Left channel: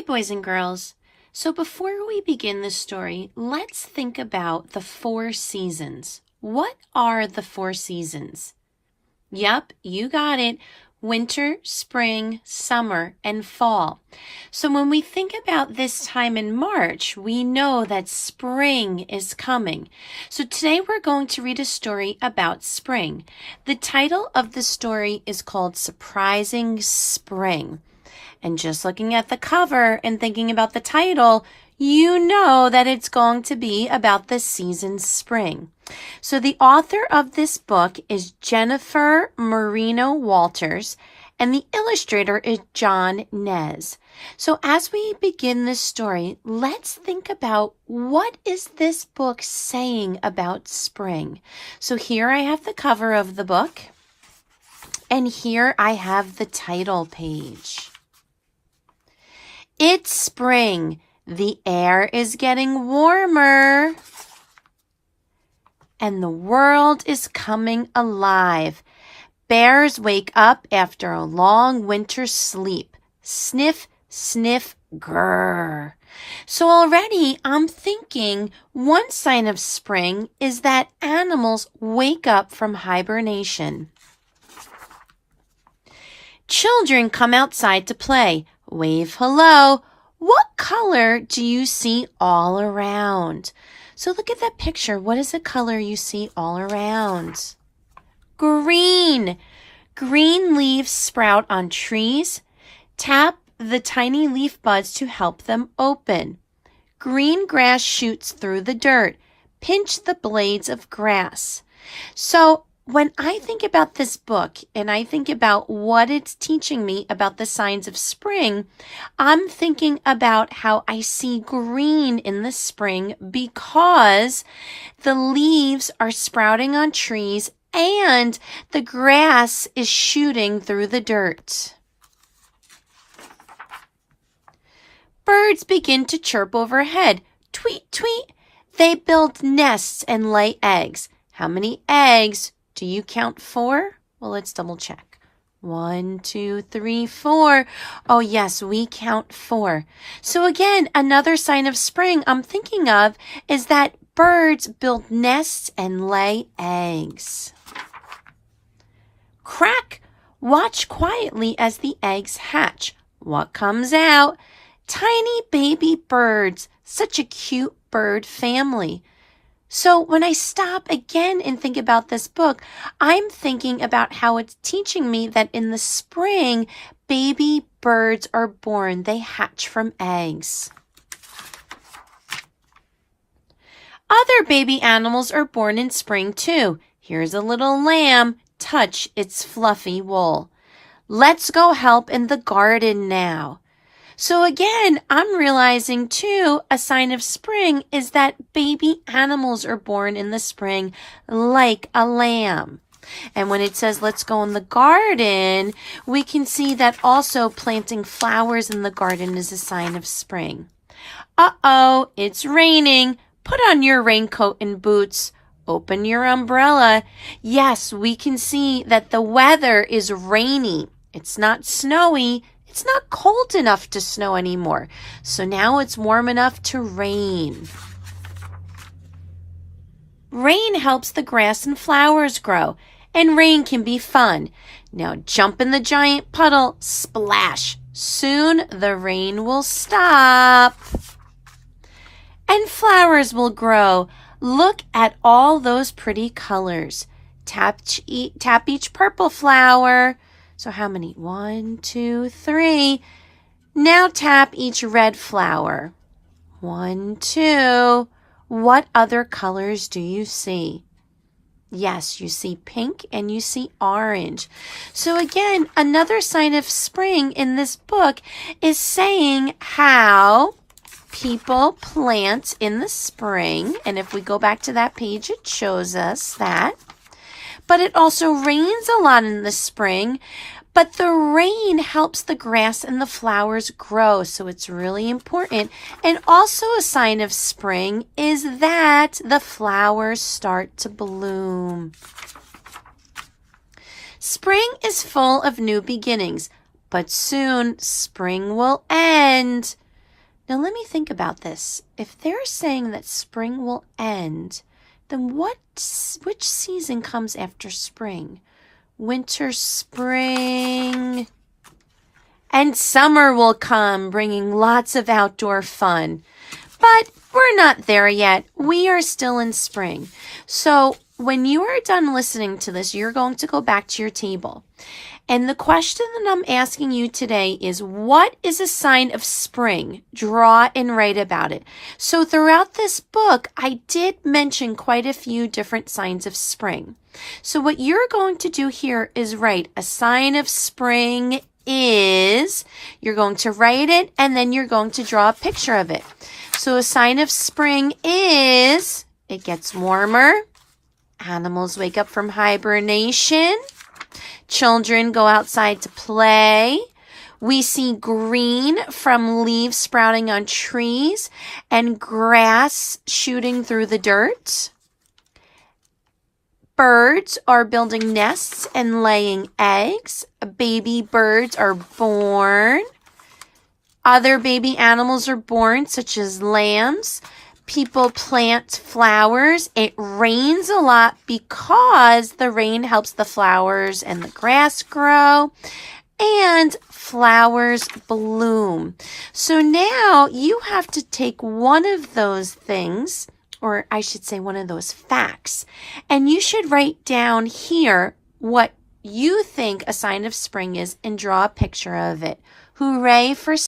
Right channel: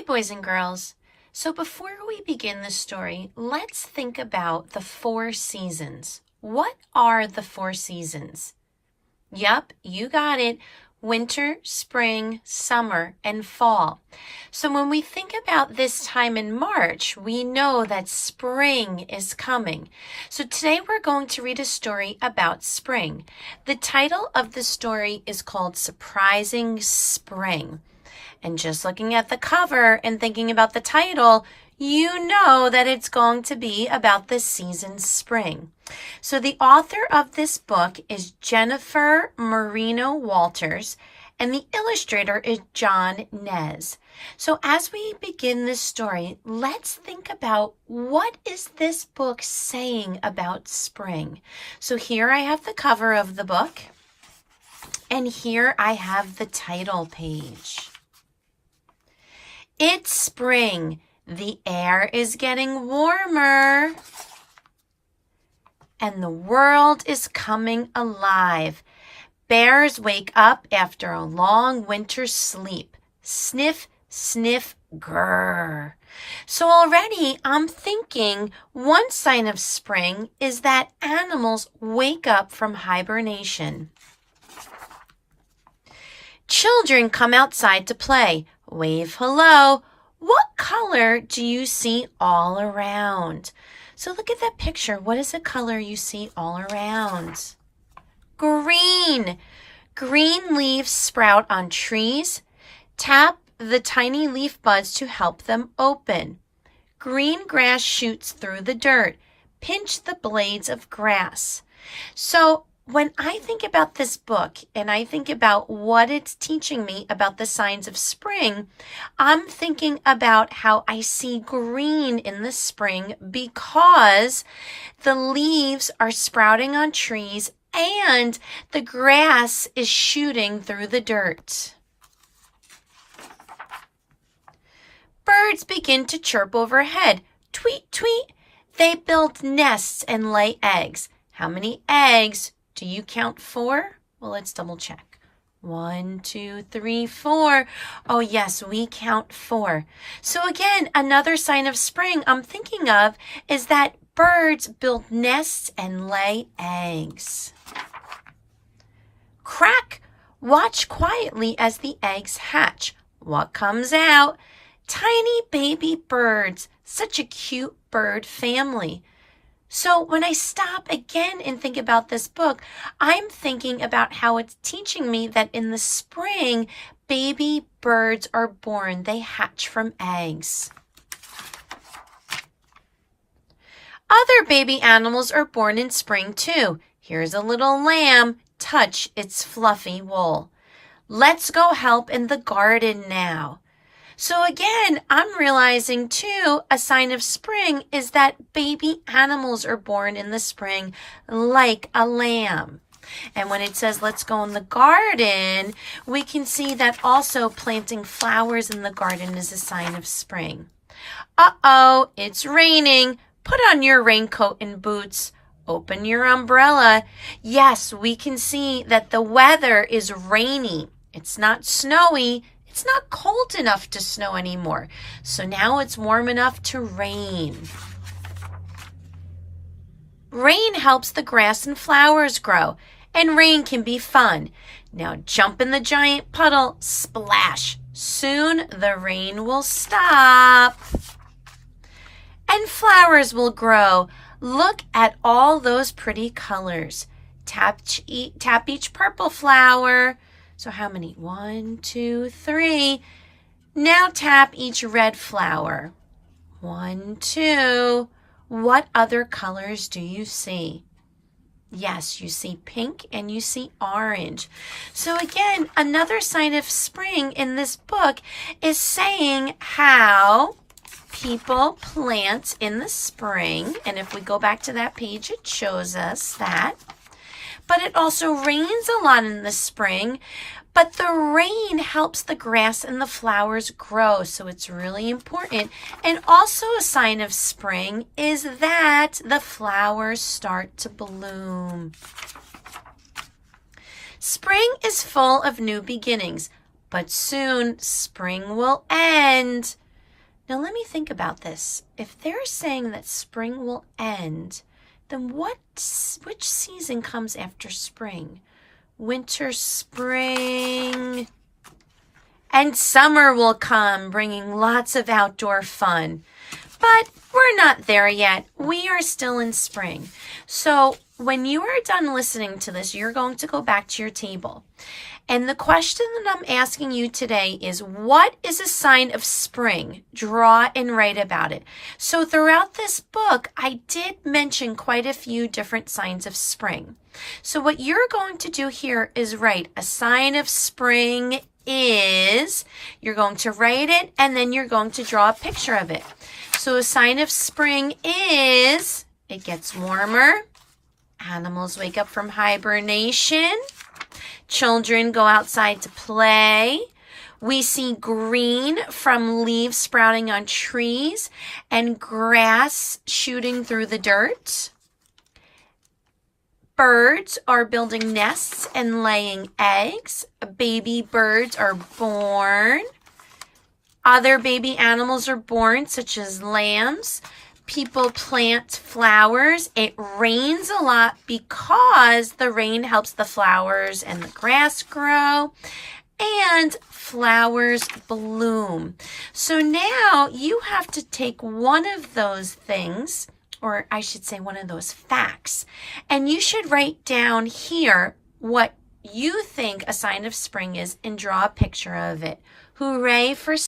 Hi, boys and girls. So before we begin the story, let's think about the 4 seasons. What are the 4 seasons? Yep, you got it. Winter, spring, summer, and fall. So when we think about this time in March, we know that spring is coming. So today we're going to read a story about spring. The title of the story is called Surprising Spring. And just looking at the cover and thinking about the title, you know that it's going to be about the season spring. So the author of this book is Jennifer Marino Walters, and the illustrator is John Nez. So as we begin this story, let's think about what is this book saying about spring. So here I have the cover of the book, and here I have the title page. It's spring. The air is getting warmer. And the world is coming alive. Bears wake up after a long winter sleep. Sniff, sniff, grrr. So already I'm thinking one sign of spring is that animals wake up from hibernation. Children come outside to play. Wave hello. What color do you see all around? So look at that picture. What is the color you see all around? Green. Green leaves sprout on trees. Tap the tiny leaf buds to help them open. Green grass shoots through the dirt. Pinch the blades of grass. So when I think about this book and I think about what it's teaching me about the signs of spring, I'm thinking about how I see green in the spring because the leaves are sprouting on trees and the grass is shooting through the dirt. Birds begin to chirp overhead. Tweet, tweet. They build nests and lay eggs. How many eggs do you count 4? Well, let's double check. 1, 2, 3, 4. Oh, yes, we count 4. So again, another sign of spring I'm thinking of is that birds build nests and lay eggs. Crack! Watch quietly as the eggs hatch. What comes out? Tiny baby birds. Such a cute bird family. So when I stop again and think about this book, I'm thinking about how it's teaching me that in the spring, baby birds are born. They hatch from eggs. Other baby animals are born in spring too. Here's a little lamb. Touch its fluffy wool. Let's go help in the garden now. So again, I'm realizing too, a sign of spring is that baby animals are born in the spring like a lamb. And when it says let's go in the garden, we can see that also planting flowers in the garden is a sign of spring. Uh-oh, it's raining. Put on your raincoat and boots. Open your umbrella. Yes, we can see that the weather is rainy. It's not snowy. It's not cold enough to snow anymore. So now it's warm enough to rain. Rain helps the grass and flowers grow, and rain can be fun. Now jump in the giant puddle, splash. Soon the rain will stop. And flowers will grow. Look at all those pretty colors. Tap each purple flower. So how many? 1, 2, 3. Now tap each red flower. 1, 2. What other colors do you see? Yes, you see pink and you see orange. So again, another sign of spring in this book is saying how people plant in the spring. And if we go back to that page, it shows us that. But it also rains a lot in the spring, but the rain helps the grass and the flowers grow, so it's really important. And also a sign of spring is that the flowers start to bloom. Spring is full of new beginnings, but soon spring will end. Now let me think about this. If they're saying that spring will end, then which season comes after spring? Winter, spring, and summer will come, bringing lots of outdoor fun. But we're not there yet. We are still in spring. So when you are done listening to this, you're going to go back to your table. And the question that I'm asking you today is, what is a sign of spring? Draw and write about it. So throughout this book, I did mention quite a few different signs of spring. So what you're going to do here is write a sign of spring is, you're going to write it, and then you're going to draw a picture of it. So a sign of spring is, it gets warmer. Animals wake up from hibernation. Children go outside to play. We see green from leaves sprouting on trees and grass shooting through the dirt. Birds are building nests and laying eggs. Baby birds are born. Other baby animals are born, such as lambs. People plant flowers. It rains a lot because the rain helps the flowers and the grass grow. And flowers bloom. So now you have to take one of those things, or I should say one of those facts, and you should write down here what you think a sign of spring is and draw a picture of it. Hooray for